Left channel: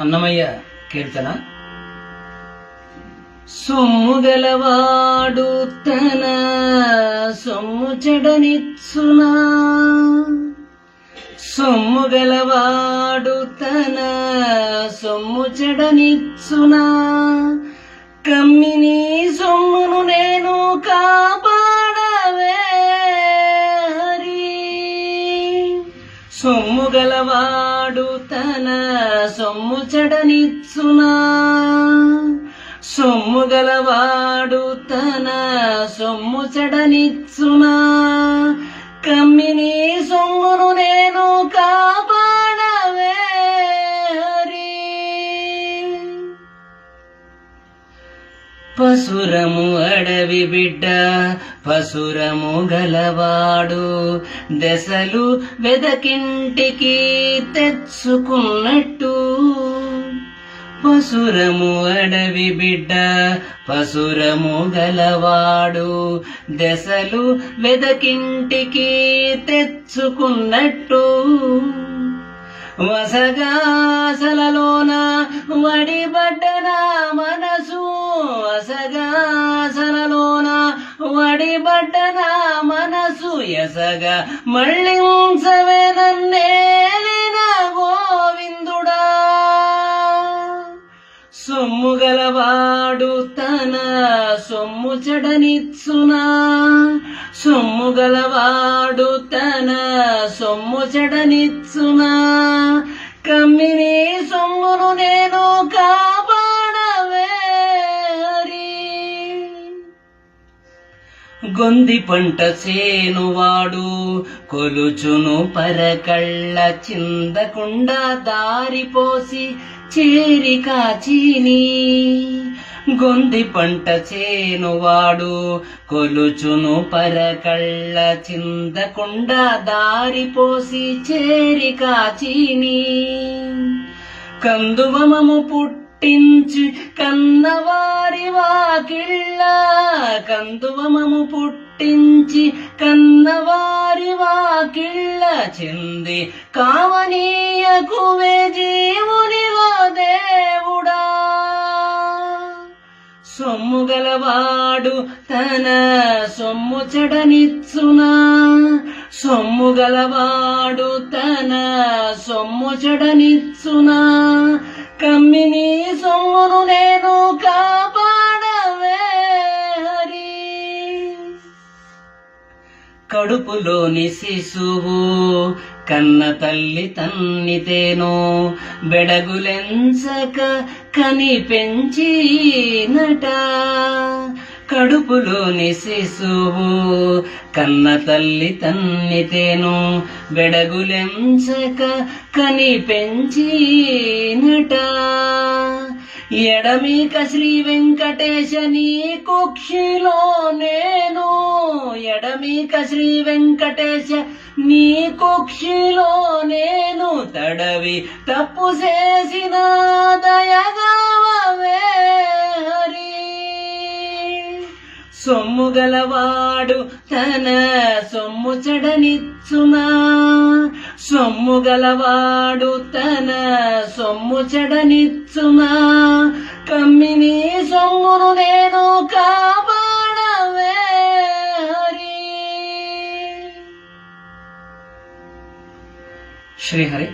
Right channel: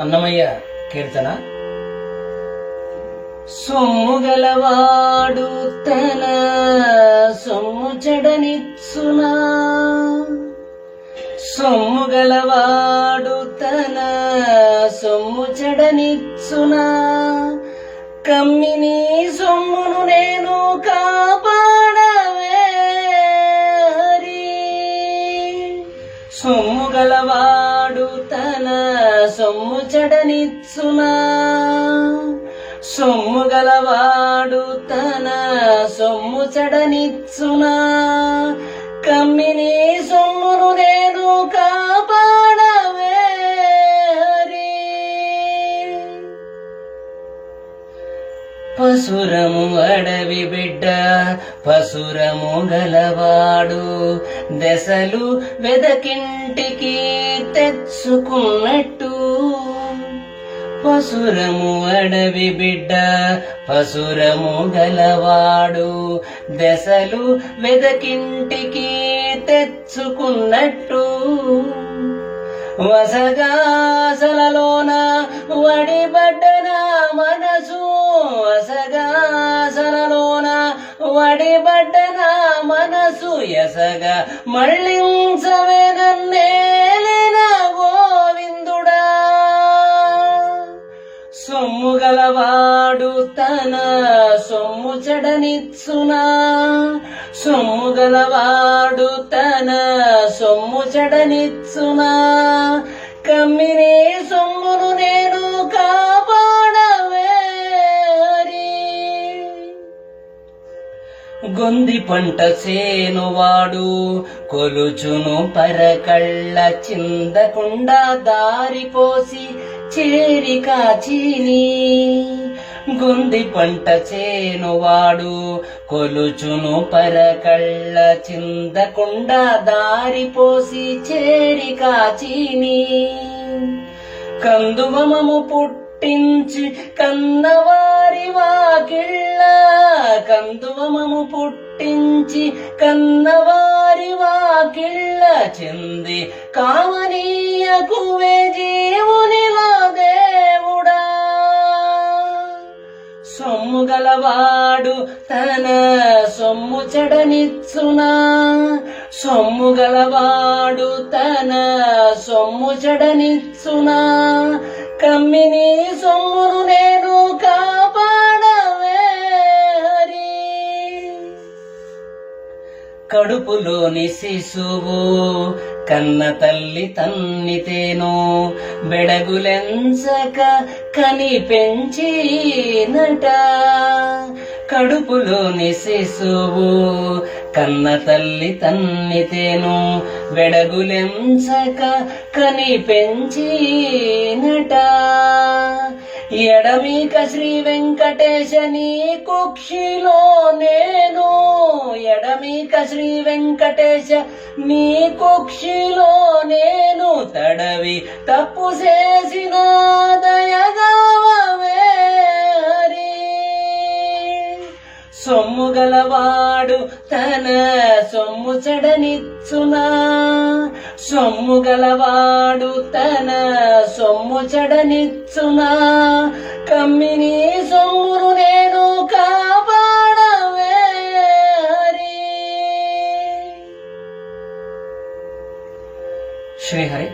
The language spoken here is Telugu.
అన్నమయ్య కీర్తన. సొమ్ముగలవాడు తన సొమ్ము చెడనిచ్చునా, సొమ్ముగలవాడు తన సొమ్ము చెడనిచ్చునా, కమ్మిని సొమ్మును నేను కాపాడవే హరి. సొమ్ముగలవాడు తన సొమ్ము చెడనిచ్చునా, సొమ్ముగలవాడు తన సొమ్ము చెడనిచ్చునా, కమ్మిని సొమ్మును నేను కాపాడవే హరి. పసురము అడవి బిడ్డ పసురము గలవాడు, దశలు వెదకింటికి తెచ్చుకున్నట్టు. పసురము అడవి బిడ్డ పసురము గలవాడు, దశలు వెదకింటికి తెచ్చుకున్నట్టు. వసగాసలలోన వడిబడ్డన మనసు, వసగాసలలోన వడిబడ్డన మనసు, ఎసగ మళ్ళించవే నన్నేలిన గోవిందుడా. సొమ్ముగలవాడు తన సొమ్ము చెడనిచ్చునా, సొమ్ముగలవాడు తన సొమ్ము చెడనిచ్చునా, కమ్మిని సొమ్మును నేను కాపాడవే హరి. గొంది పంట చేనువాడు కొలుచును పరకళ్ళ, చిందకుండా దారిపోసి చేరి కాచిని. గొంది పంట చేనువాడు కొలుచును పరకళ్ళ, చిందకుండా దారిపోసి చేరి కాచిని. కందువమము పుట్టించి కన్నవారి వాకిళ్ళ, కందువమము పుట్టించి కన్నవారి వాకిళ్ళ, చెంది కామనీయకువే జీవునిలో దేవుడా. సొమ్ముగలవాడు తన సొమ్ము చెడనిచ్చునా, సొమ్ముగలవాడు తన సొమ్ము చెడనిచ్చునా, కమ్మిని సొమ్మును నేను కాపాడవే హరి. కడుపులోని శిశువు కన్న తల్లి తన్నితేను, బెడగులెంచక కని పెంచినట. కడుపులోని శిశువు కన్న తల్లి తన్నితేను, బెడగులెంచక కని పెంచినట. ఎడమిక శ్రీ వెంకటేశ నీ కుక్షిలో నేను, ఎడమిక శ్రీ వెంకటేశ నీ కుక్షిలో నేను, తడవి తప్పు చేసిన దయగావే హరి. సొమ్ముగలవాడు తన సొమ్ము చెడనిచ్చునా, సొమ్ముగలవాడు తన సొమ్ము చెడనిచ్చునా, కమ్మిని సొమ్మును నేను కాపాడవే హరి. శ్రీహరి.